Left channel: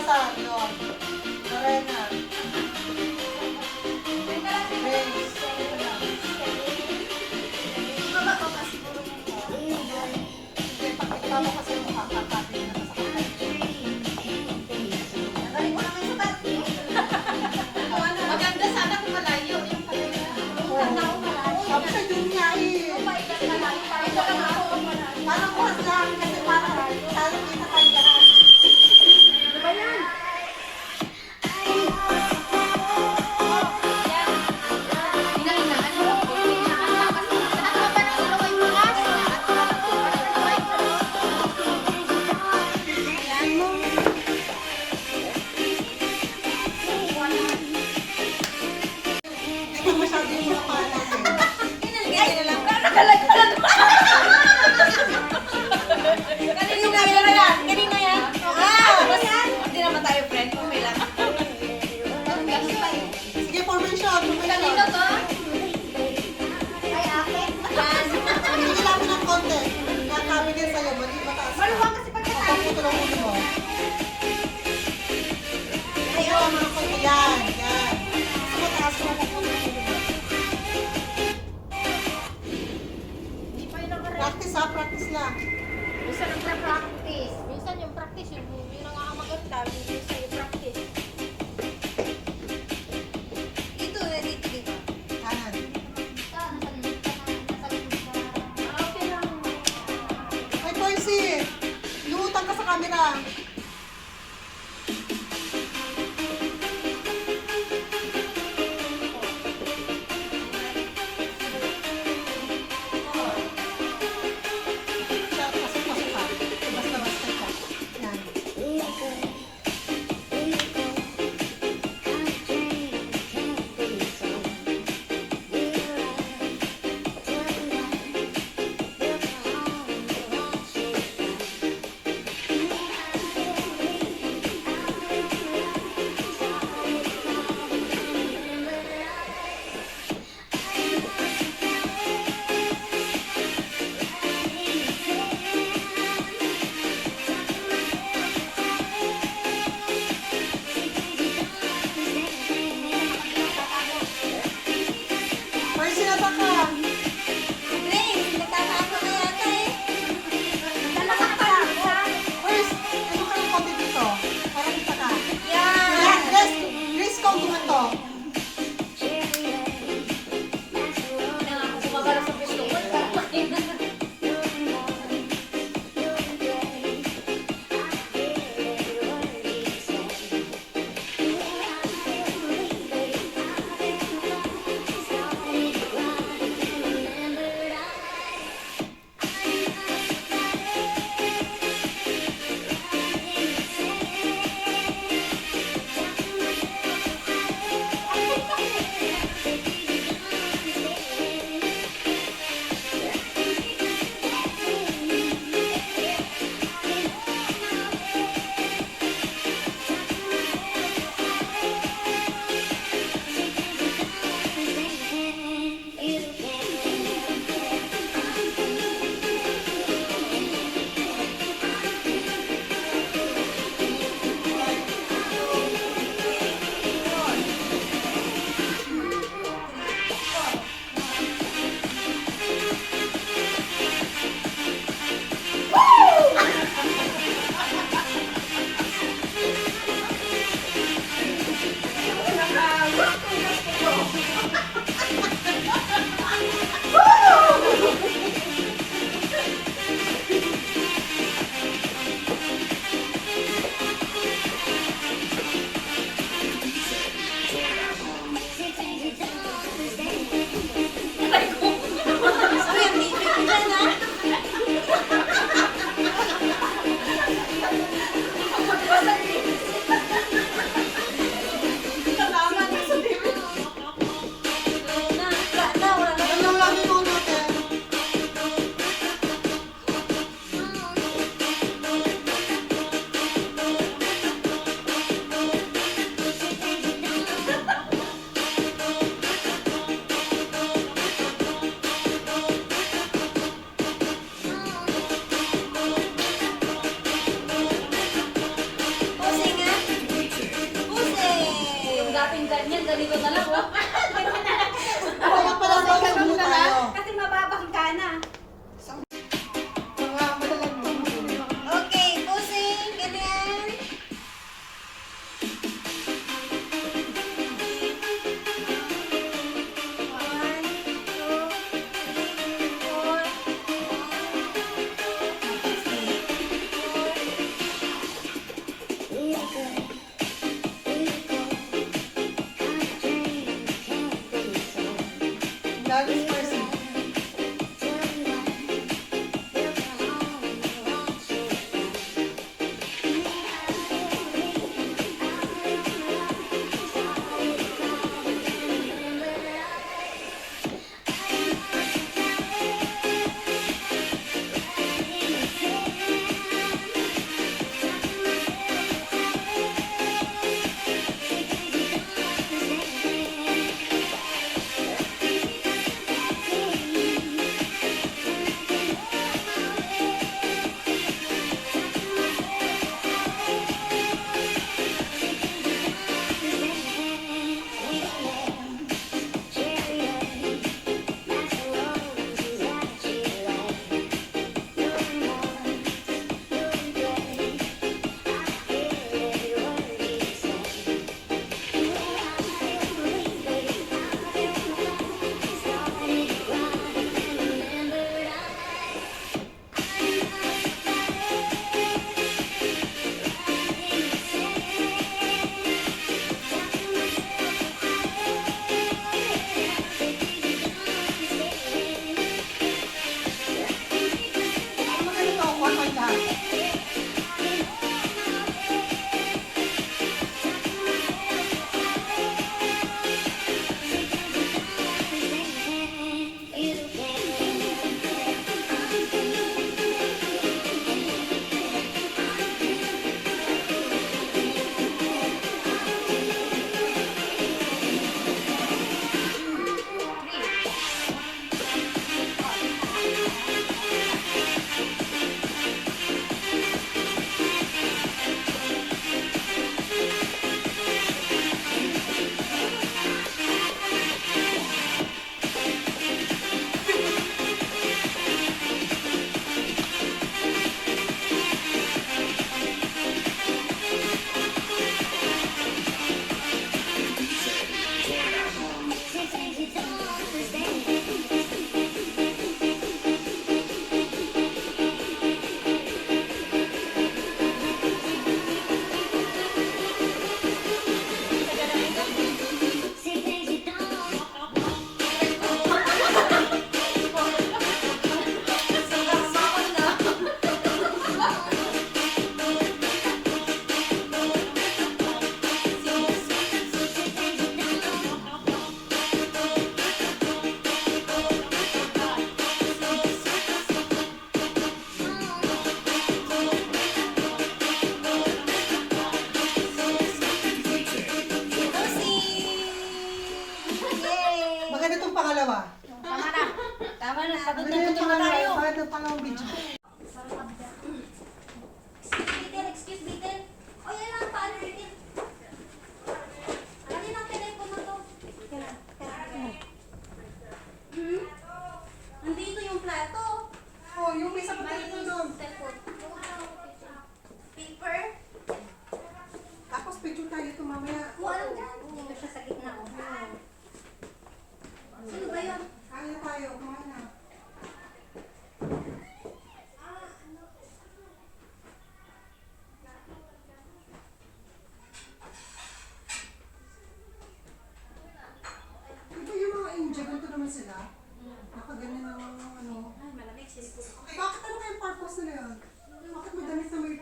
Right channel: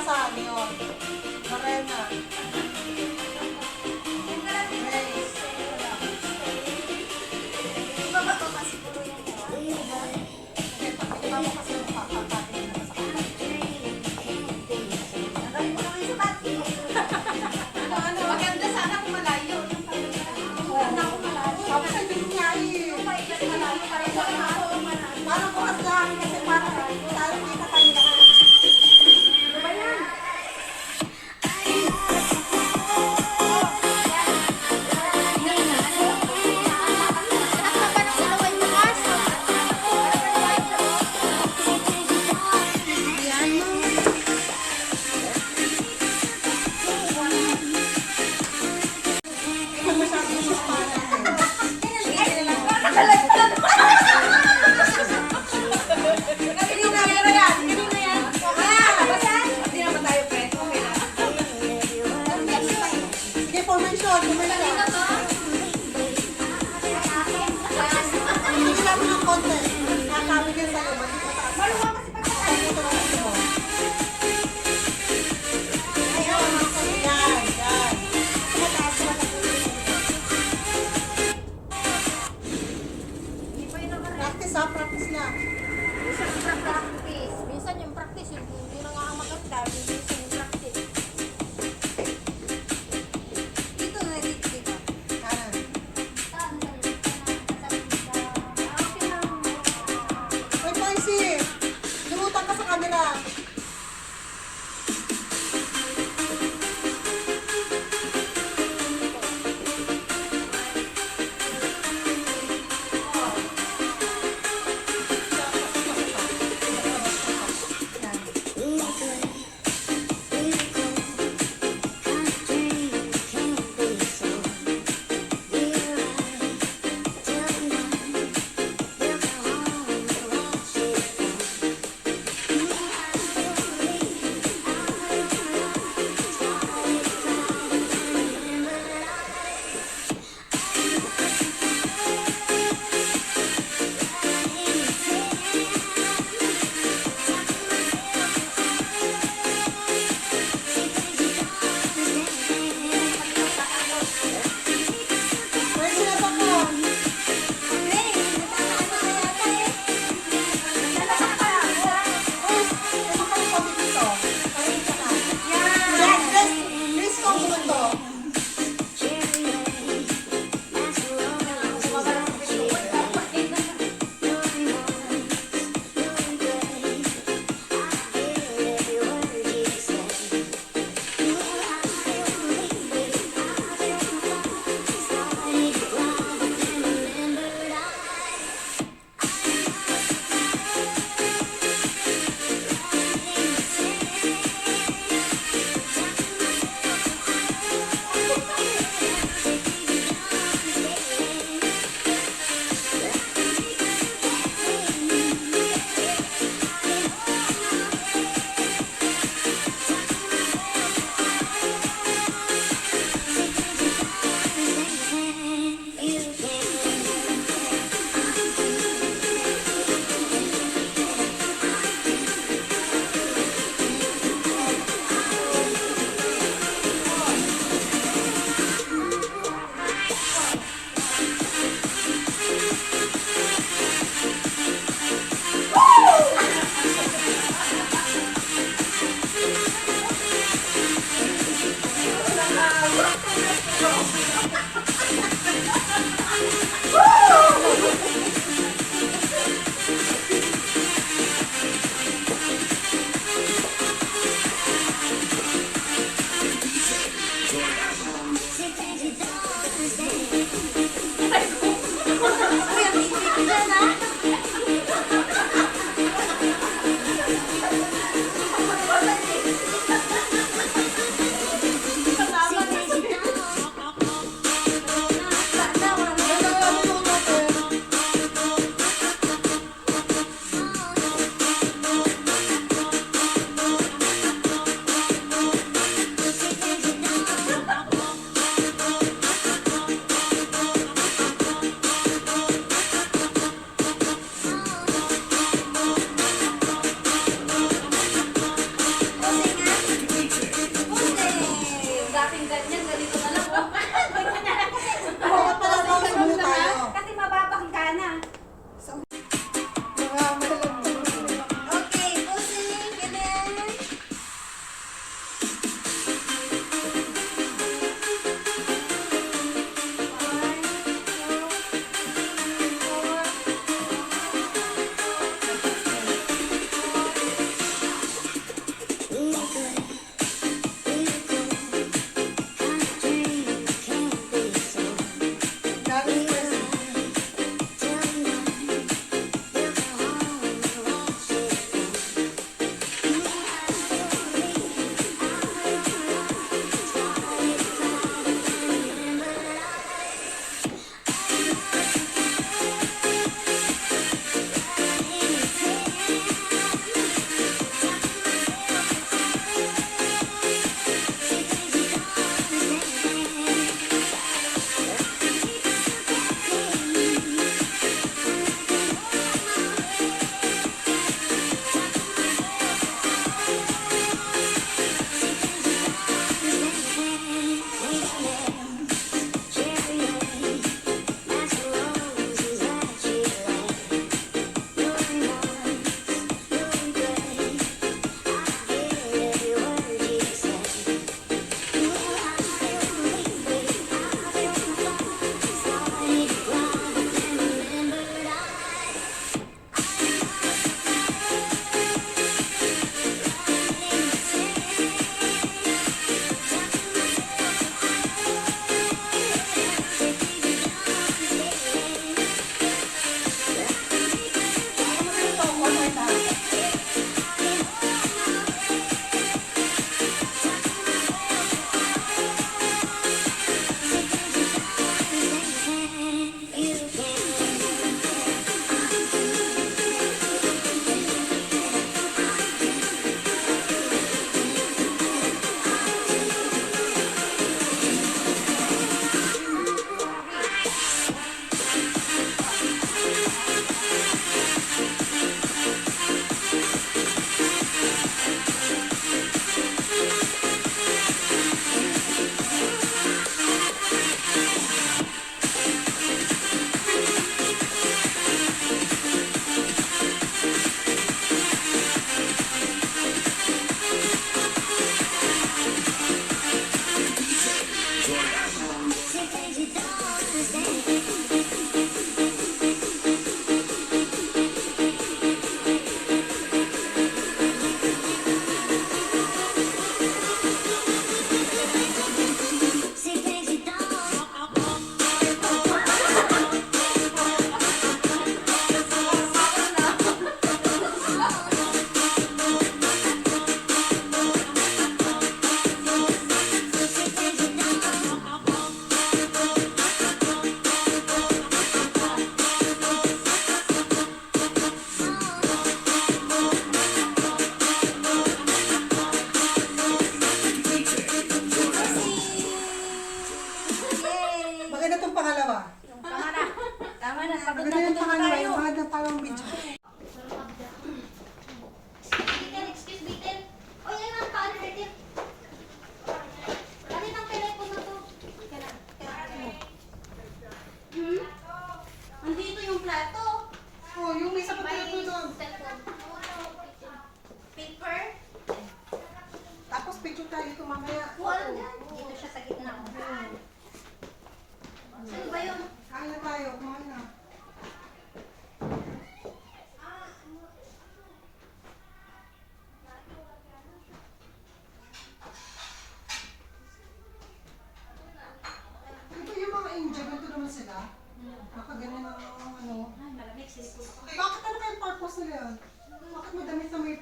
Saan yun? Morena. Maganda sana kung malayo. Tapos sa yun nga eh. Parang kuras lang kasi parang talo kita kanila. Ano ba yan? Hindi ko masyado yung mga panang eh. Kanina yan. Hindi naman tayo friend. Okay lang. Ganun pa eh. Sige, formation. Kanina to? Hindi lang ng konti. Kakabi din sa'yo. Mataas. Maluwang kasi pag Pagputo ng ulo mo. Ayun, mga konti. Yan, yan. Mataas, mataas. Hindi pa yun naman. Practice ha, practice lang. Minsan ang practice. Minsan yung practice, hindi na nga maganda. Minsan yung practice. Dito, dito, diba? Kanan. Okay lang. May Percy, lumutang ka sa camera. Pasok ka. Basta-basta ka. Yan.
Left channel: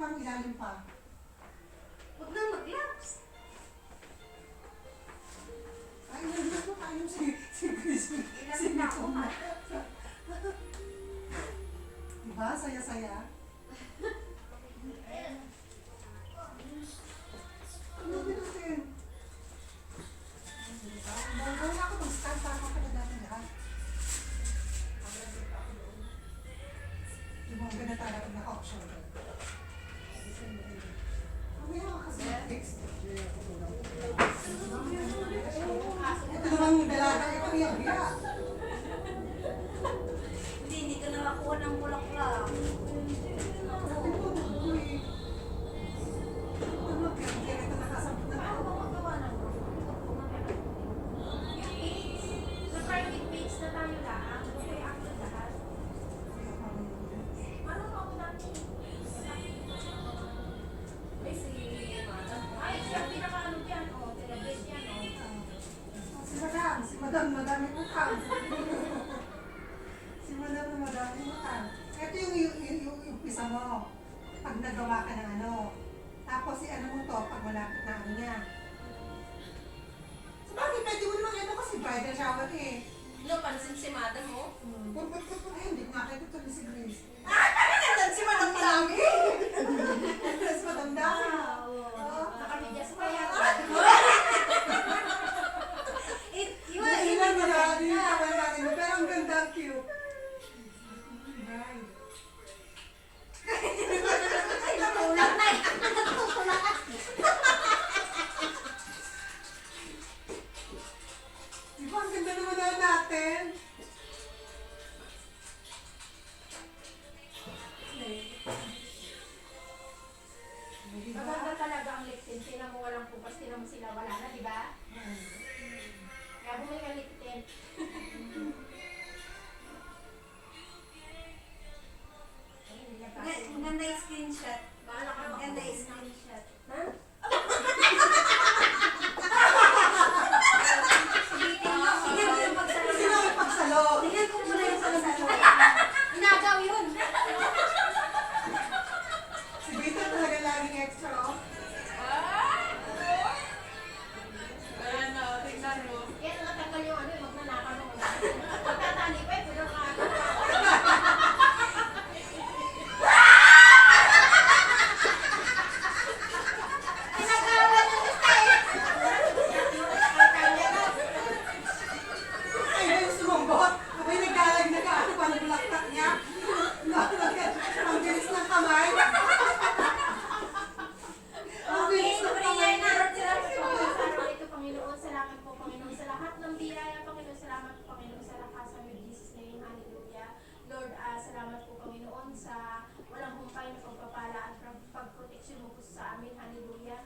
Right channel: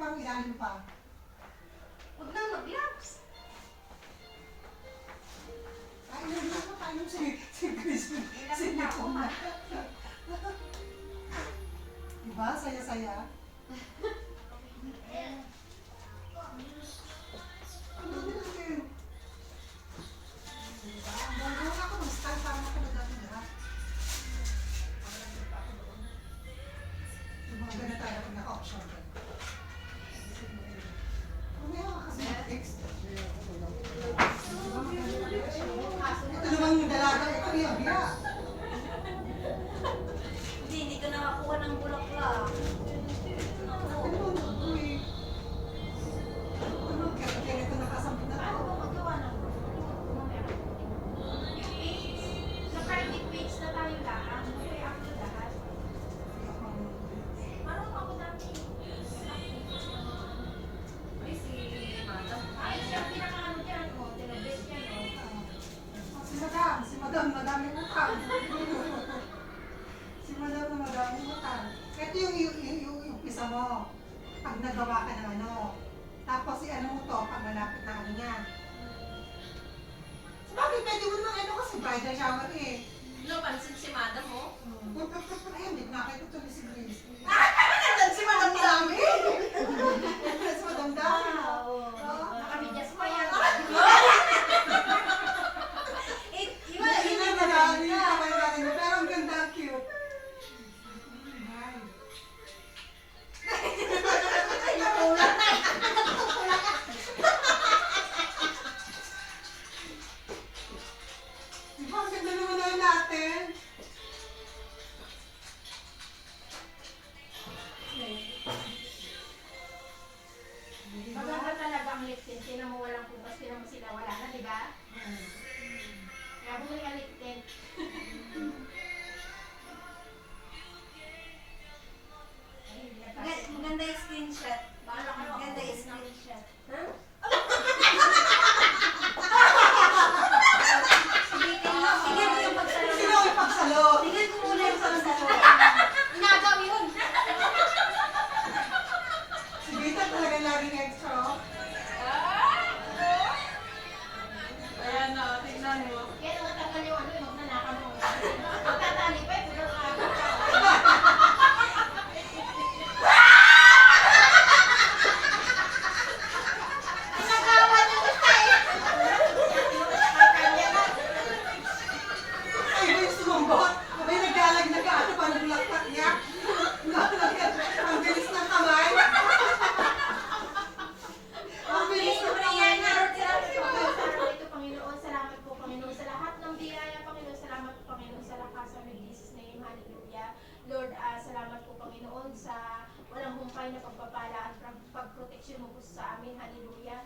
parang ilalim pa. Huwag na mag-gloves. Kain mo si Crispy. Si Nicole na. Diba? Saya-saya. Ang dami natin. Bonggaw na ako ng style para makalad natin lahat. Bongga na tayo pag naka-option. Mamaya ka kasi mag-fix. Ito naman yung dalaga. Ito yung biya. Hindi ka nakakuha ng bulaklak. Paano mo magawa ng na-private page na tayo lahat. Mag-react yung lahat. Paano ako dati? Ay, si Madam. Ay, siya ang pinaka-ano dyan. O, tinabit yan. Si Madam, madami utang. Si Madam na madami utang. Ito yung umpisa mo. Pag nagawa ka ng ano. Tapos si ano mo to, pag malapit na ano niya. Sabagay, pwede mo naman ano kasi bridal shower eh. No, pansin si Madam mo. Ay, hindi ko nakita ito ni si Grace. Nandun si Madam Dami! Si Madam Dami. Nakamidyas pa yan. Hindi na nalani yung kamay natin. Pero ang ganda, cute. Right. Diba, ang ganda naman na natin. Diba? Maganda talaga ang lip tint. Tinan mo walang kupas, tinan mo sila wala na, di ba? Kaya bumili ka lip tint. Maganda yung screenshot. Bahala ka Maganda yung screenshot. Ha? Tingnan mo yung pagsalo. Sino may pagsalo? Tingnan ko muna yung pagsalo. Inagaw yun. Si Vita talaga laging extra. Oh. Ayan na, tingnan mo. Kaya natanggal yung ano, yung magnanakaw mo. Pagkatali pa, pero Ay, may sumumbot. May naglalag na ka. Ano pa nung laktak niya? Ang bilis ng kamay. Ang bilis ng kamay na. Ito, Panginoon, salamat po, Panginoon, sa lahat ng biyaya, Panginoon, salamat po, Panginoon, sa lakas sa Jesus name, hallelujah. Lord, salamat po, Panginoon, sa walang humpay na pagpapala at pagproteksyon mo po sa amin, hallelujah.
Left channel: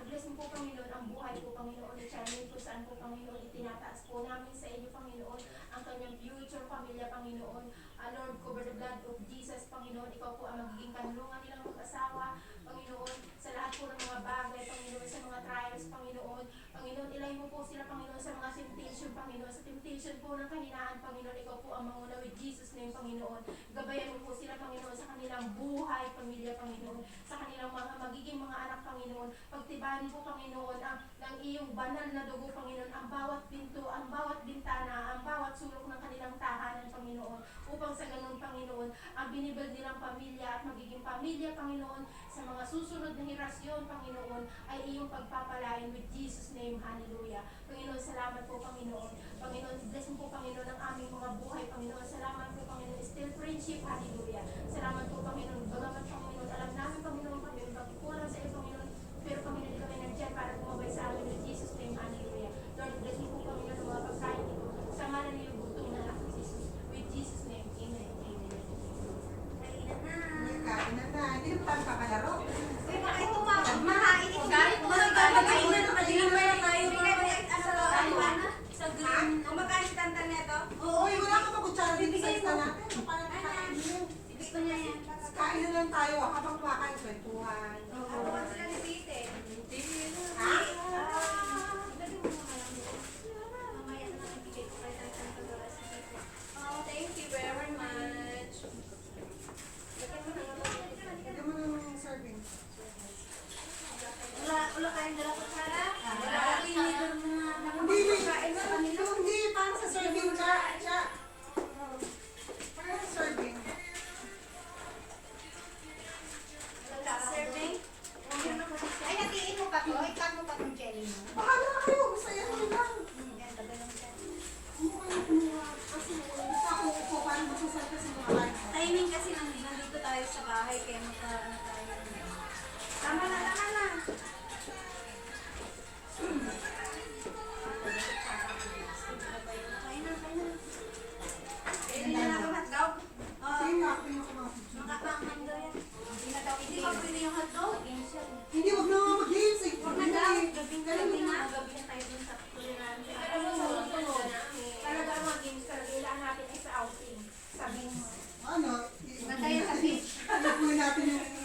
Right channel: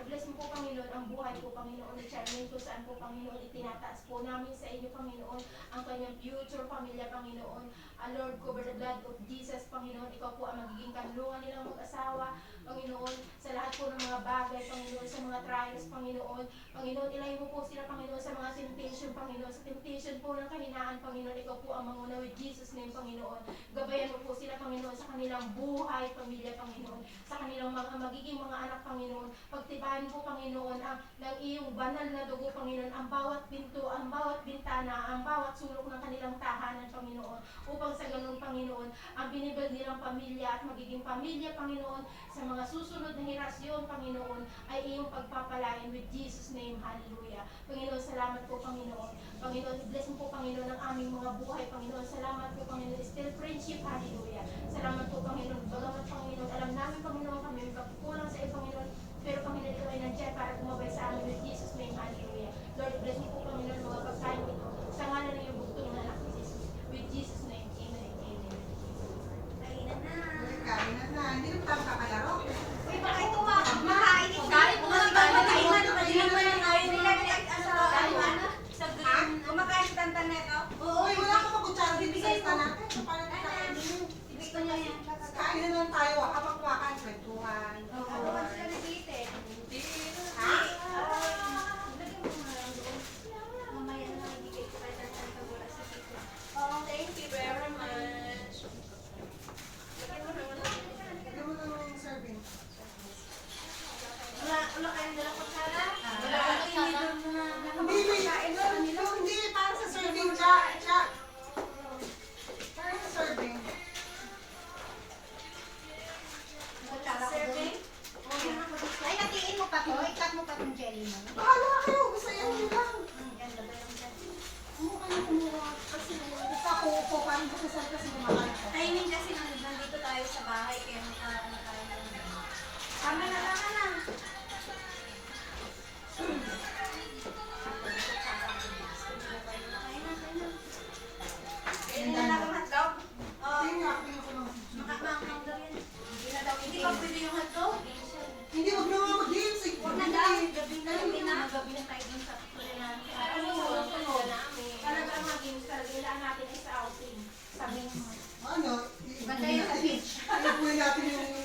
I-bless mo po, Panginoon, ang buhay po, Panginoon, ni Charmaine, kung saan po, Panginoon, itinataas po namin sa inyo, Panginoon, ang kanyang future pamilya, Panginoon. Lord, cover the blood of Jesus, Panginoon, ikaw po ang magiging kanlungan nilang mag-asawa, Panginoon, sa lahat po ng mga bagay, Panginoon, sa mga trials, Panginoon. Panginoon, ilay mo po sila, Panginoon, sa mga temptation, Panginoon, sa temptation po ng kahinaan, Panginoon, ikaw po ang manguna with Jesus name, Panginoon. Gabayan mo po sila, Panginoon, sa kanilang buhay, pamilya, Panginoon, sa kanilang mga magiging mga anak, Panginoon. Pagtibayan po, Panginoon, ng iyong banal na dugo, Panginoon, ang bawat pinto, ang bawat bintana, ang bawat sulok ng kanilang tahanan, Panginoon, upang sa ganun, Panginoon, ang binibuild nilang pamilya at magiging pamilya, Panginoon, sa mga susunod na henerasyon, Panginoon, ay iyong pagpapalain with Jesus name, hallelujah. Panginoon, salamat po, Panginoon. Panginoon, bless mo po, Panginoon, ang aming mga buhay, Panginoon. Salamat po, Panginoon, still friendship, hallelujah. Salamat po, Panginoon. Bagamat, Panginoon, alam namin, Panginoon, kami may pagkukulang sa iyo, Panginoon, pero, Panginoon, ikaw ay nandiyan para gumabay sa amin with Jesus name, hallelujah. Lord, bless mo po, Panginoon, ang mga pagkain ito. Sa ngalan ng iyong bugtong na anak ni Jesus. With Jesus name, amen, amen. Kain na. Hindi naman tayo kakalaro. Uy, makain ko ba? Makain ko. Kahit Mga mga pagkain bagay, na madilim mo yung kain nila. Sa green. Makain si Tantan neto. Uy, wala ka pa kutsara dito sa isa natin. Paano na kain? Gusto niya yan. Kain na lang tayo.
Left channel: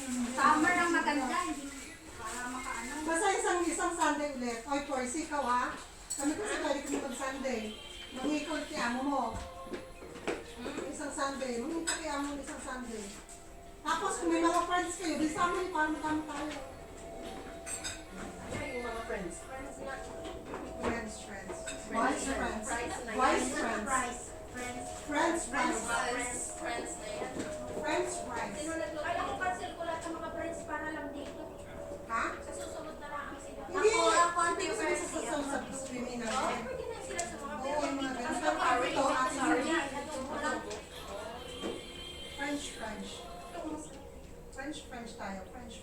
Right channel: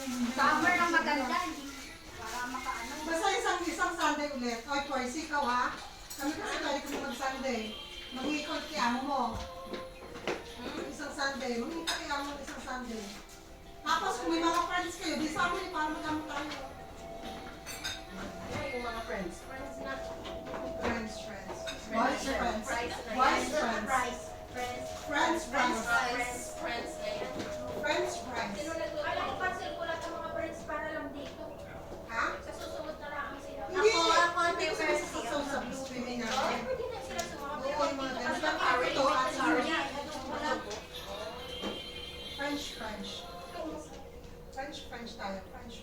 Summer ang maganda, hindi para makaano. Basta isang Sunday ulit. Oy, Twice, ikaw ha? Kami kasi pwede kami mag-Sunday. Mag-ikot kay amo mo. Isang Sunday. Mag-ikot kay amo mo isang Sunday. Tapos kung may mga friends kayo, di sama niyo para magkamo tayo. Yung mga friends. Friends na. Friends. Boys friends. Price na yan. Boys friends. Price. Friends. Friends. Friends na yan. Friends. Sino nagluto? Alam ko, cancel ko lahat ng mga friends para lang dito. Ha? Sa susunod na lang sila. Hindi. Ako ang Hindi ko prefer sa siya. sa swimming Oo, natin. pwede na sila sumama. Oo, yung mga Kasi ganun. parang Ito, parang sorry. wala. French. French tayo. French.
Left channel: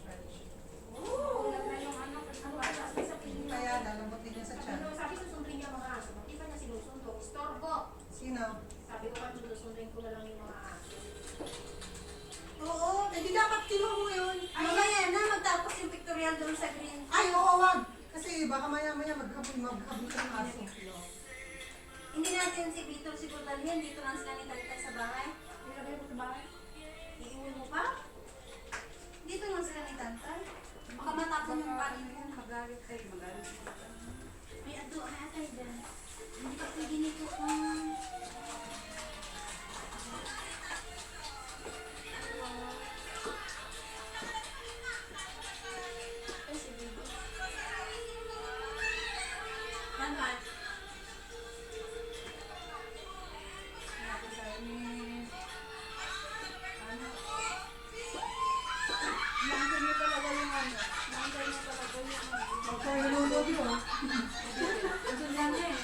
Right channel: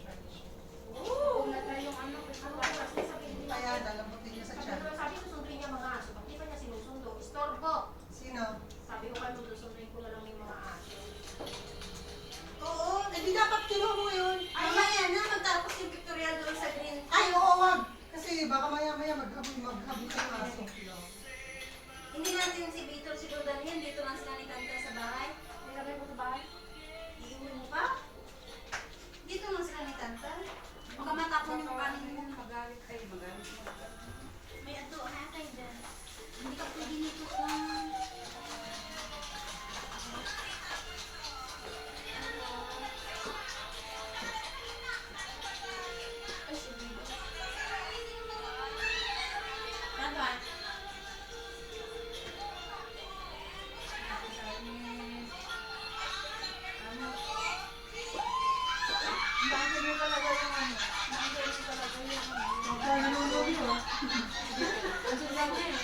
Oo. Yung ano, kasi sabihin niya. Kaya nalambutin niya sa chan. Sabi ko sundin niya mga aso. Ba't di ba niya sinusundo? Istorbo. Sino? Sabi ko kayo susundin ko na lang yung mga aso. Oo, hindi dapat kinuha mo yun. Mamaya na, magtapos yung pictorial doon sa green. Ay, oo, wag. Kasi baka maya maghabol ka ng aso. Hindi natin si Peter, si Daniel, dito lang sila ni Tanta sa bahay. Nilagay mo sa bahay? Iiwan mo pa? Dito lang sila ni Tanta. Baka matapon yung panin mo. Magalit kayo, magalit mo. May ato, hatay dyan. Hindi ka pwede nito. Ay, si Bibo. Tama. Nandun mo talaga yung ano. Nandun mo talaga yung ano. Kaya nanonood mo. Nandun lang yun.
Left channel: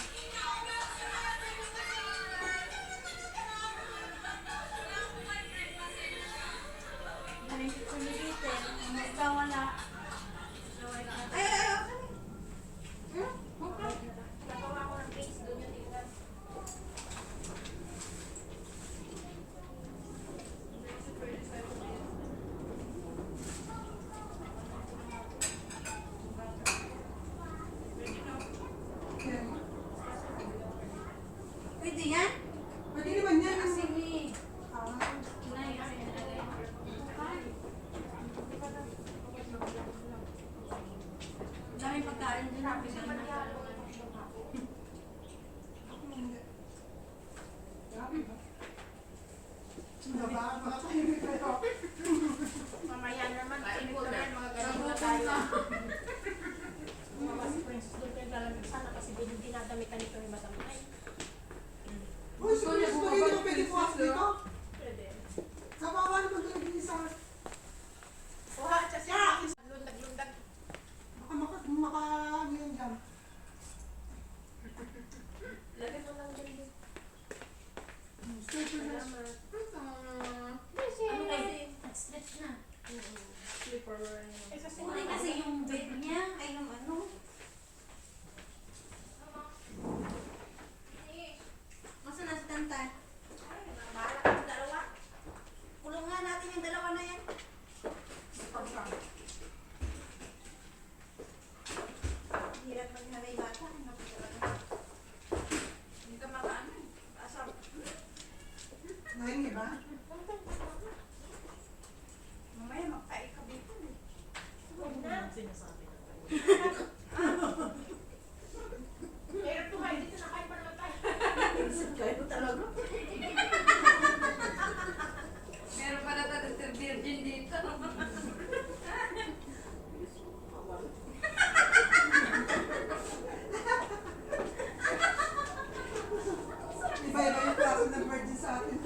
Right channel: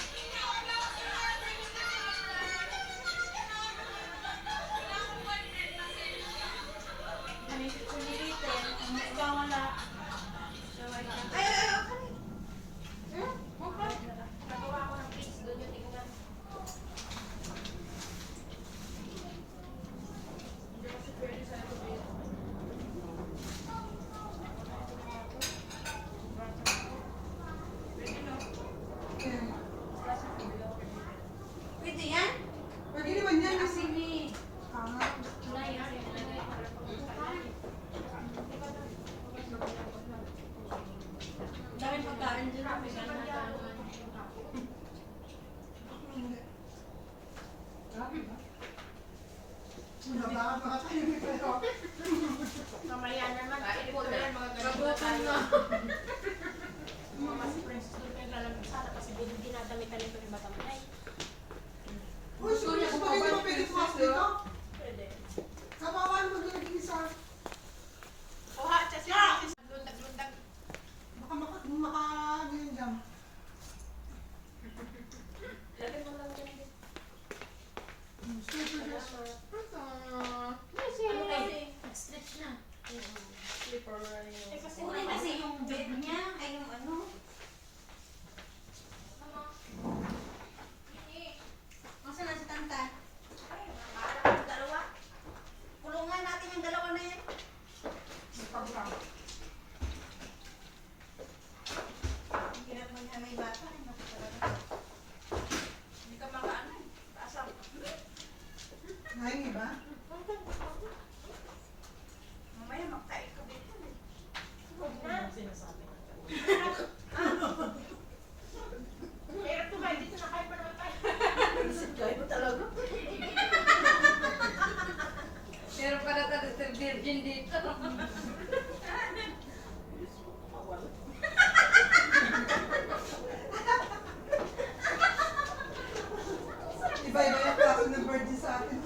Kumilite. Ikaw wala. Ay, okay. Nagawa ko ng page doon yung tingnan. Hindi kasi pwede sa'yo dito. Pwede no? Pwede yan? Pwede naman yan. Kasi ni... Ah, Daming pagkain dyan. hindi. Grabe ba? Baka tayo may pero. Mamaya naman, ipon na yan, mga ganun na tayo. Mga mas friends doon kayo lalamig sana kasi dinadamitan nito ni Batamay. Uy, sorry, kung pwede mo pwede pumas dito. Pwede. Kapawan mo gawin isa. Kuha siya siya. Lundag-lundag. Baka ano yun dyan. Lagay mo lang din din. Super Salamat. Kasi, Ano kasi? Nag-stretch na. Slipper na rin yun. Eh kasi Kulay kasi yung bed niya, ay yung ano. Masa na si Tanta? Bahala ka ng dalawa. Kulungan natin yung dalawa na yan. Hirap maghalay bata. Ay, matutulad. Hindi ka makaano. Paasap. Nahingi ba? Mamaya magtayo ka dito. Huwag na. Sinasabi ko. Hirap tumayo dito na kayo pa naman tayo. Kayo talaga? Meron pa na talaga virgin dito. Iba-iba yung klase ng virgin sa atin.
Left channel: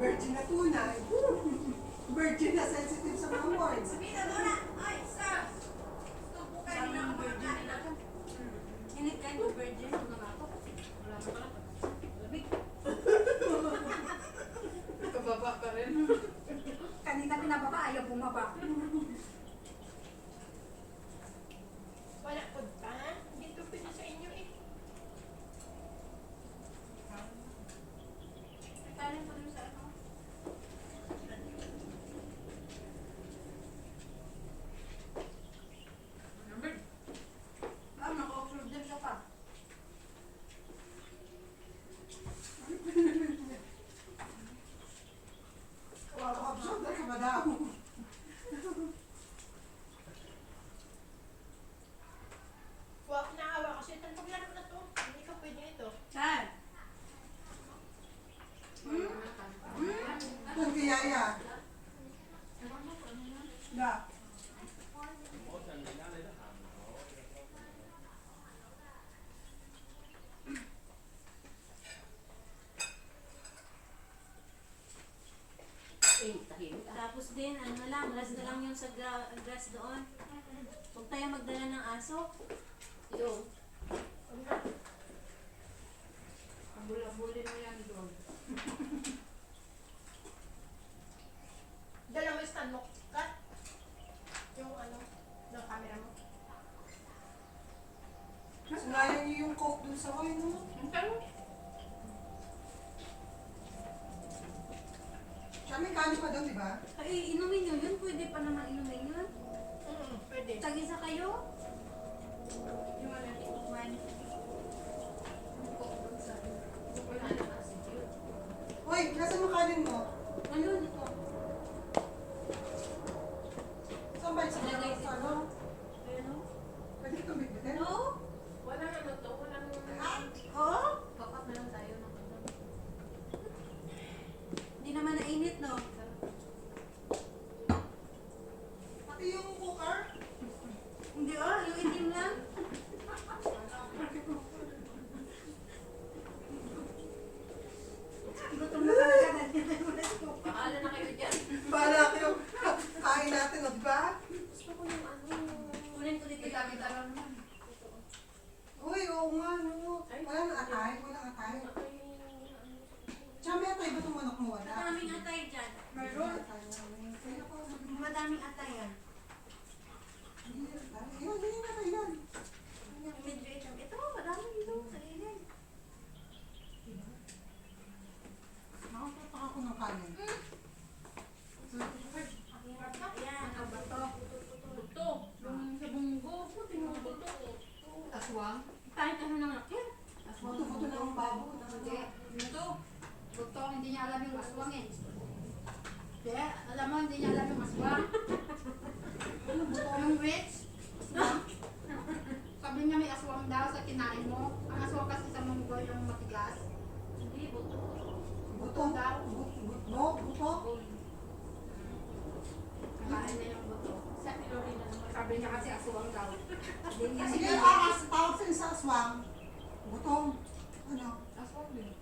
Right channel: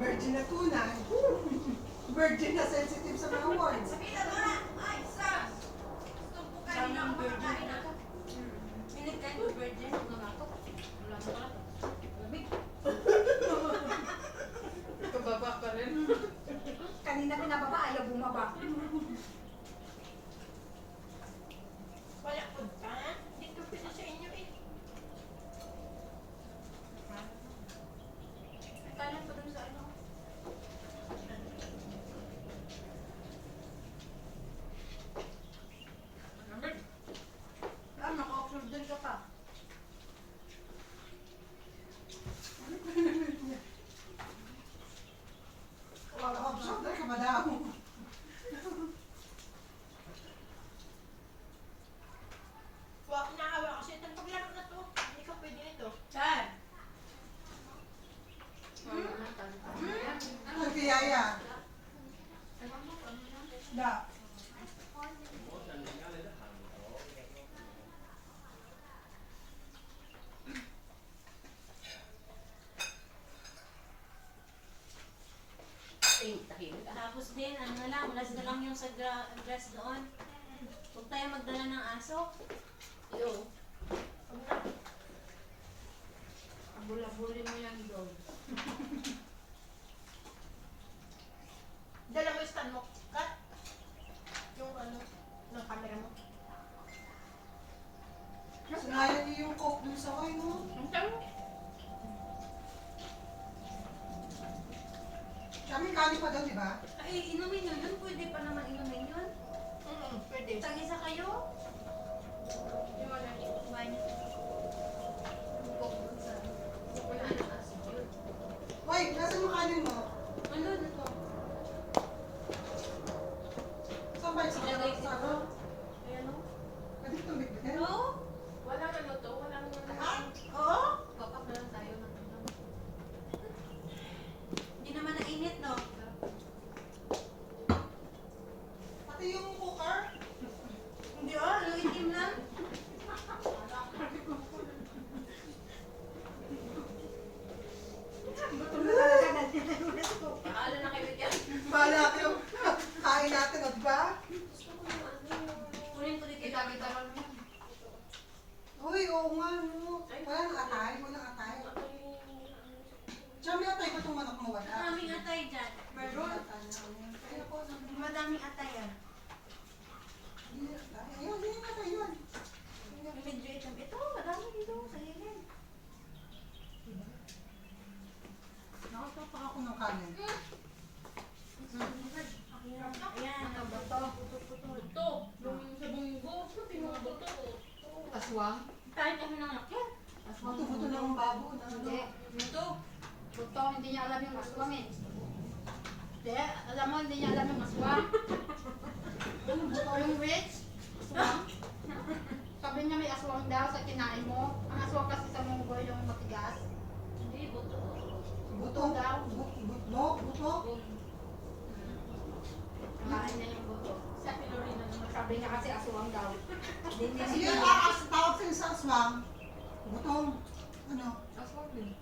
Virgin na tunay. Virgin na sensitive sa mga words. Sabihin na muna. Ay, sir. Gusto po kayo ng virgin na to. Hindi kayo virgin. Ano na to? Wala na pala. Lamig. Pababa pa rin. Kanina pinababa, ayaw bumaba. Wala po ka. Hindi ko pwede sa inyo eh. Kala ko dun sa ano. sa dress doon. Huwag tayo magdala ng aso. Yo. Abula-abulin mo yan doon. Dala mo yung stand mo. Kat. Yung ano, ng camera mo. Sinayang niyo yung coke dun sa oil, no? Ang taro. Siya may kanin pa daw, di ba? Ay, inumin nyo yun. Pwede pa naman inumin yun. Pwede. Tag-isa kayo. Yung wala niyo. Kumain. Wala nang asin yun. Hoy, nasan yung kanin mo? Ano na to? Saan ba yung sa Ilagay sa ano? Ayan o. Pwede itong bitbitin? Oo? Walang ano to, walang Oo? Kakap na lang tayo ng ano. Hindi naman nainit, no? Pati yung cooker? Hindi yung itim lang. Gutom na talaga natin. Paala na kayo dyan. Bahala kayo. Kain natin, o, di ba? Gusto ko yung ano. Kunin ko dito. Kita-kita lang naman. Uy, oo nga, no. Walang atay, walang atay. Tsaka may atay ba itong manok mo? Wala. Maraming atay dyan. Meron. Atay na. Ay, ako. Madaming atay yan. Hindi na atay. Ayun, hindi na atay yan. Medyo itim. Ito, madami dito sa ilin. Nakatapak ako ng kanin. Ayan, ang bato. Buto. Yung sa bunggo. Pinubuto. Aswang. Tayo pa ng lakyan. Buto-buto na ang babo. Hindi. Ito. Ito, hindi niya alam yung aswang eh. Hindi, alam mo, hindi niya alam yung aswang. Yung witch, aswang. Sabi niya may aswang daw sa kinain mo. Ang aswang kasi sa munggo yung matigas. Hindi, buto. Buto daw. Buto. Kakain niya yung buto. Sa Filorina naman. Sabi niya kasi aswang daw. Hindi niya Sige, alam. tawag sa'yo sa aswang. Butong. Ano? Aswang din.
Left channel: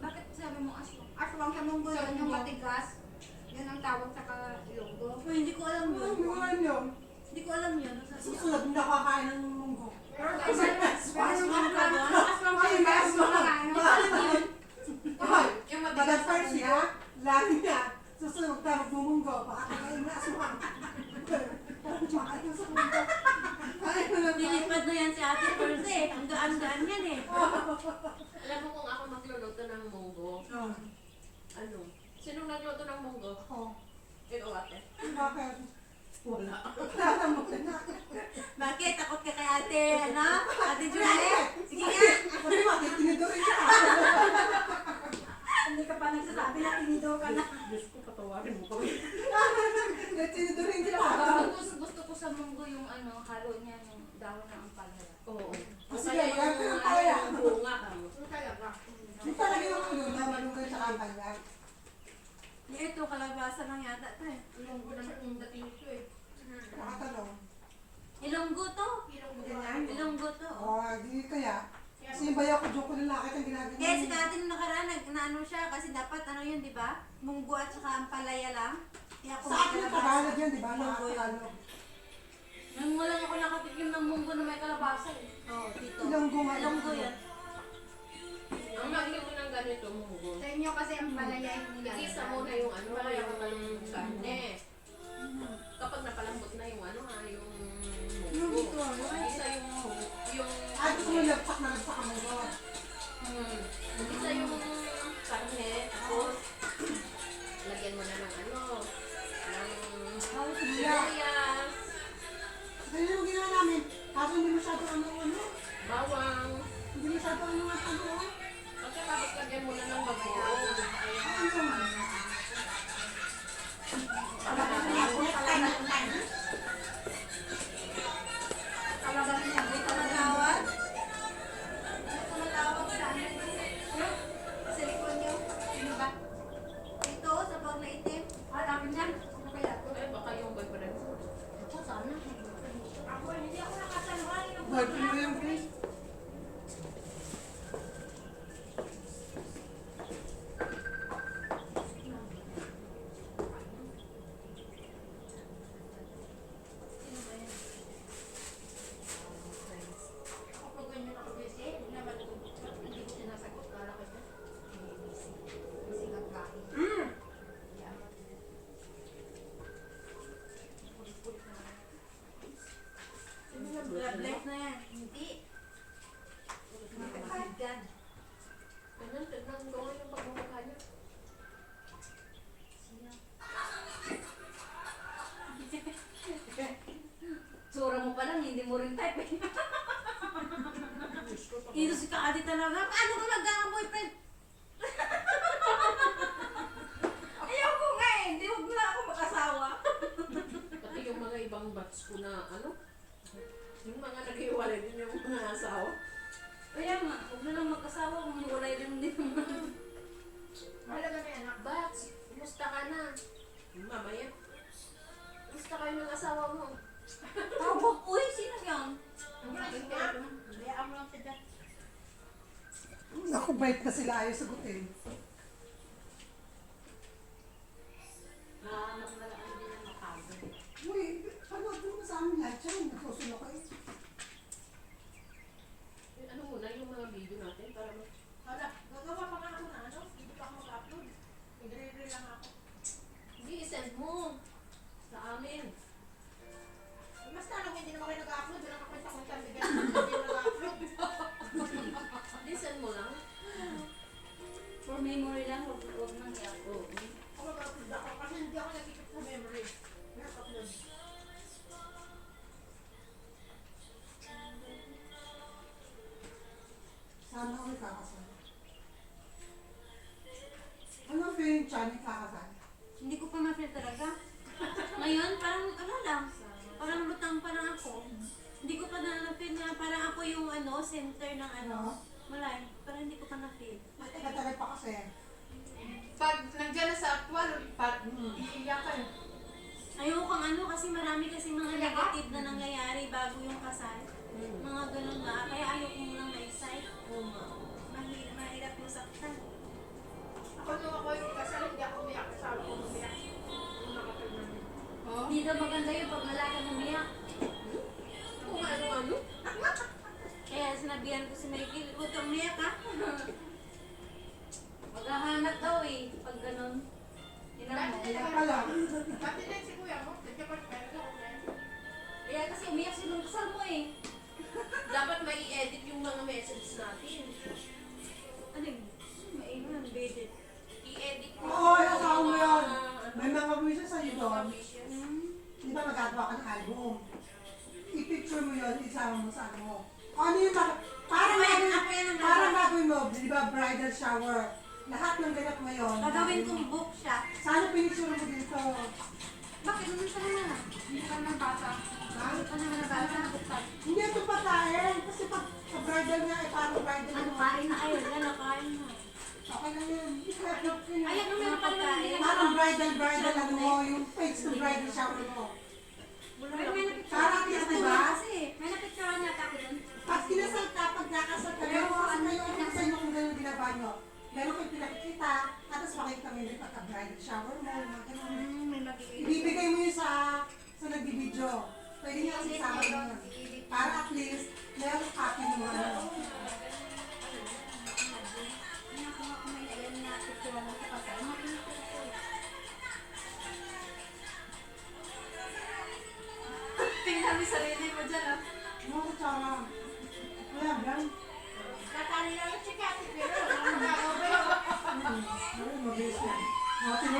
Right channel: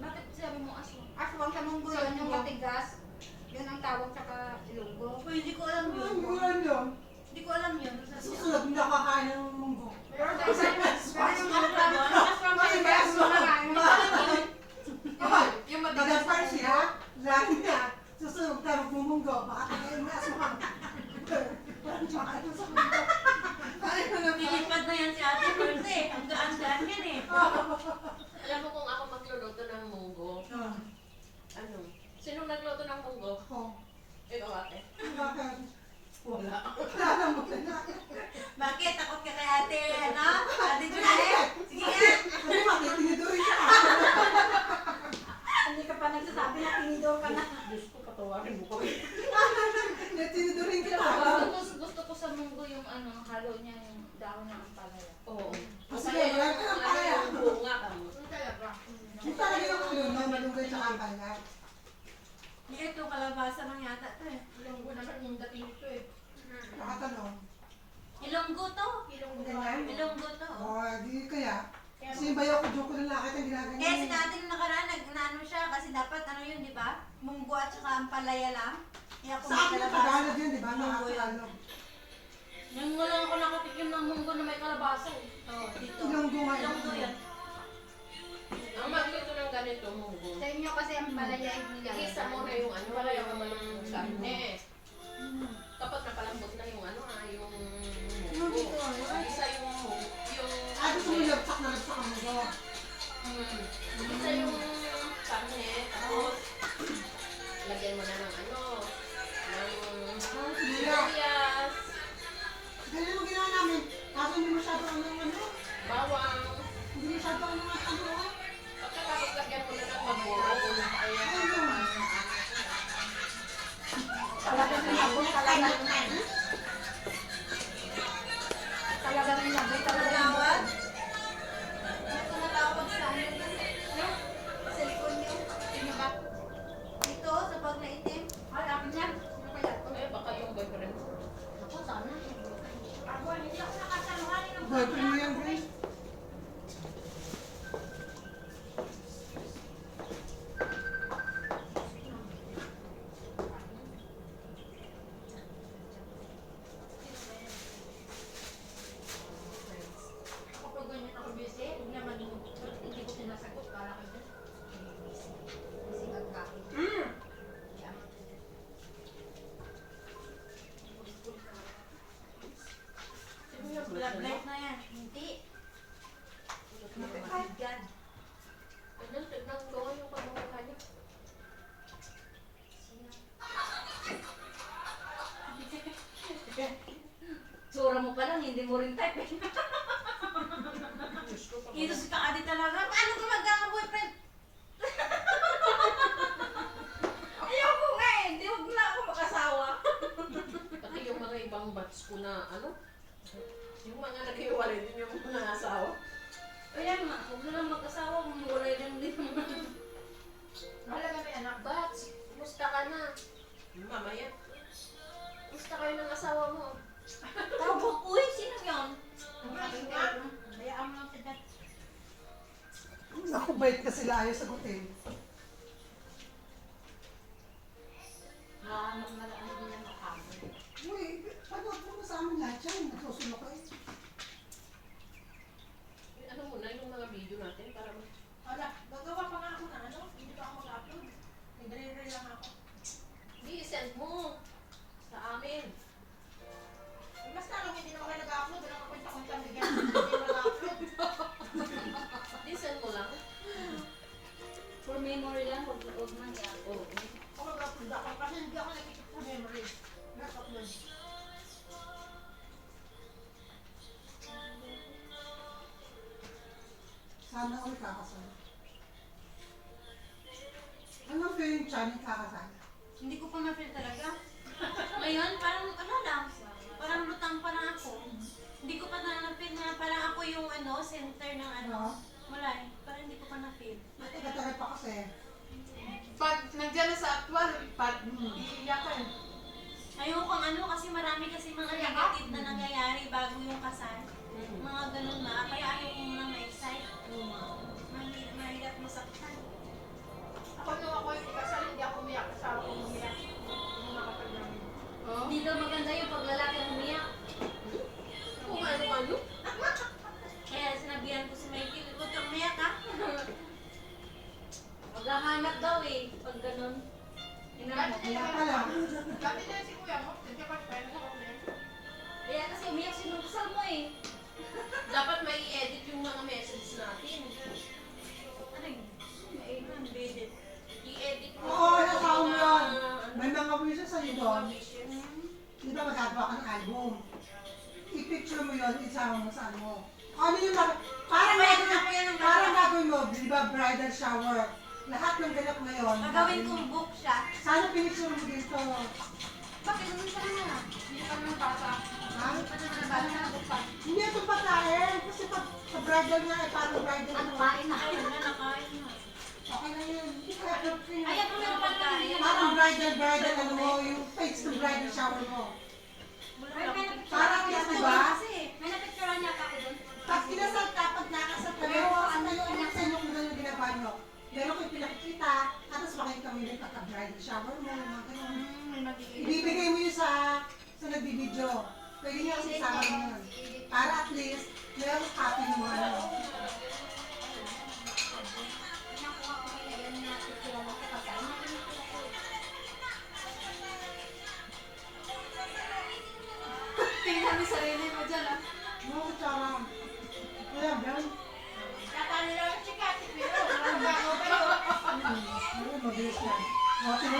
Bakit sabi mo aswang? Aswang sa munggo yun yung matigas. Yun ang tawag sa ilonggo. Uy, hindi ko alam yun. Ano yun yun? Hindi ko alam yun. Susunod, hindi nakakain ng munggo. Pero aswang ka doon. Aswang ka Ay, doon. may aswang. Aswang. Ay, Yung Madam matigas Percy, ha? Lagi niya. Susunod tayo magmumunggo. Baka kakain na aswang. Baka ito sa munggo. Ay, ano ba? Nilipad na yan si Ate Perse. Ang gaan-gaan yan eh. Alam mo kung ako magluluto ng munggo, ano? Sinong nagluto ng munggo? Oh, Ikaw ate. bakit? Wala. Wala mo na. Bakit? Takot ka kay Ate, ano? Ate Juliet? Sige nga. Sabi mo, tinidorin ka. Hindi ka pa nagsasabi na tinidor ka na. Diyos ko, patawarin mo ko. Tinidorin kita. Gusto ko sa munggo yung ano, halo niya yung dahon ng ampalaya. Oo. Sige, Masaya wala yung ka ng ano, palaya. yung bunga ka mo. Yung talaga yung ulo na malunggay sa kampanya. Ito, kalabasa lang yata ito eh. Ilonggo naman yung dating ito eh. Nakatanong. Ilonggo to. Ganyan. Ilonggo to. Oh, di kaya. Kasi yung bayaw ko, joke ko lang nakita yung ginagawa Eh, si niya. Ate nung nakaraan, naano siya kasi dapat ano yun, di ba? Munggo at saka ampalaya lang. Kaya ako Sa akin yung Tagalog yun, di ba? Nakatagalog. Nang wala ako nakatikim ng munggo na may kalabasa eh. Oo, dito. Ilonggo nga. Ilonggo yan. Ang magluto ng ganito, munggo. Sa inyo kasi ang palaya yung nilalagay. Igisa mo na yung ano, yung malong karne. Kapag napalambot na yung ano, yung Yung dito, munggo. ano? Igisa yung Ay, gusto mo lagsak na lagsak ang mundo. Igisa yung karne, tapos lagyan mo na ng ano, ng sibuyas, Ganyan yung ginawa namin. Kaso hindi masyado ang ano. bawang, Hindi masyado ang mga ano. pagkatapos lagyan mo na ng bagoong. Talaga rin lang. May talaga Tawad? May tumatawag sa amin. Sa likod niyo. Sino ba? Dito, sa bag na itim. Ay, amin yan. Sino kaya to? Eh, baka yung boyfriend ko. Ako, sana. Ako, hindi ako nakasaluhan ng Boyfriend mo yan, Grace. blood light na yan. Hindi. Ganyan, tignan ko nga yung pagmumukha niya. Sura mo pa lang, hindi mo rin type eh. Diyos ko, Ito si Kaadi talaga. Paano ko magkaka-boyfriend? Ayaw ko nga eh. Hindi huwag na ako makasawa. Pati yung mga ibang batch ko na ano, yung mga nag-iwalay din yung mga asawa. Kaya nga, huwag na lang mag-asawa kung hiwalay lang din. Mahalaga may anak. Batch, kumusta ka na? Mamaya. Kumusta kayo ng asawa mo? Tawag, uy, sino yun? Bayaan mo lang si Dad. Naku, bait ka sila, ayaw sagutin. Malamang malamang din yan makabot. Uy, panood mo sa amin lahat siya, nagsusunod kayo. Ano muna yung mga video natin para mag... Hala, gagawa pa nga ako na ano, hindi pa ako mag-upload. Nagre-re lang ako. Hindi, send mo sa amin. Mas na lang hindi naman kayo nag-upload, wala ka kwenta-kwenta, bigyan naman hindi nag-upload. Hindi, send mo lang. For memory lang, huwag man yan. Oo. Ako mag-upload ako kasi hindi ako nakikip sa memory. Nag-upload. Sana ako kakasal. Ano ba yung tiyan kakasal? Hindi ko pa ma-feel talaga. Ngayon, parang ano lang, parang lutang pa lang ako. Hindi ko pa na-feel na parang ako yung ano, center ng ano. Wala eh, parang hindi ko pa na-feel. Matagal pa kasi. Pag nandiyan na sa actual, pag iiyakan. Ayoko ano kasi marami kasi mga negative na nangyayari bago yung kasal. Mga ganun ba? Kaya ayoko munang na-excite. Mahirap masaktan. Ako nung ako yung kasal, hindi ako umiyak sa ako umiyak. Nung nakapal namin. Hindi daw maganda yung pag lalaki ang umiyak. Kung ano-ano. Kaya sinabihan ko si Mikey, huwag kang umiyak ha. Maghahanap daw eh, pag ganun. Hinamok. Kaya pala. Dati din si kuya mo, hindi pa friend ko. Kaya kasi umiyak siya nung kasal mo eh. Dapat may i-edit yung mga messages natin. Ano yun? Mainan, bedit. I-edit mo. Oo, nasa ako yung yun. mga, May mga wishes sa'yo mga doon. wishes. Di ba magagawa ka ng album? I-picture mo yun, isama mo sa ano. Ano yung parang gagawin mo, di ba, bridal shower. Lahat ng ganap ngayon. Gagawin kong book siya. Sana pinicture mo dito. Bakit naman sa na? Hindi pa naman bata. Ha? Ano pa naman nabasa? Hindi ito patayin. Kasi pag sa bridal nga, parang bridal Ano kain na? Ay, wala na kain na. Okay na yun. Hindi ka Ayan, ano na pagkain? parang bridal, ano mo, yung page ng bridal shower mo. Ay, may napicturean Parang niya yes, ako diba? kasi. May napicturean niya ako doon. Pag kinasal ka, pag nakasal ka, meron ka sa inyo kung gano'n ginagawa nyo. Meron kayong pinakikita, at tapos makikita mo yung pagka-bridal shower mo, mga gano'n. May magiging. Ibibigay mo yun sa nagbibideo. Pwede niya kasi isama mo yun. Para at least, meron copy mo ano. Nakuha ko may ayan na picturean ako kasi. Tingnan mo sarili mo dyan ah. Ano tsara? Wala, Dan. Natali lang si Kati, pero walang bago ba yun? Ano, mabilis lang. Mati mo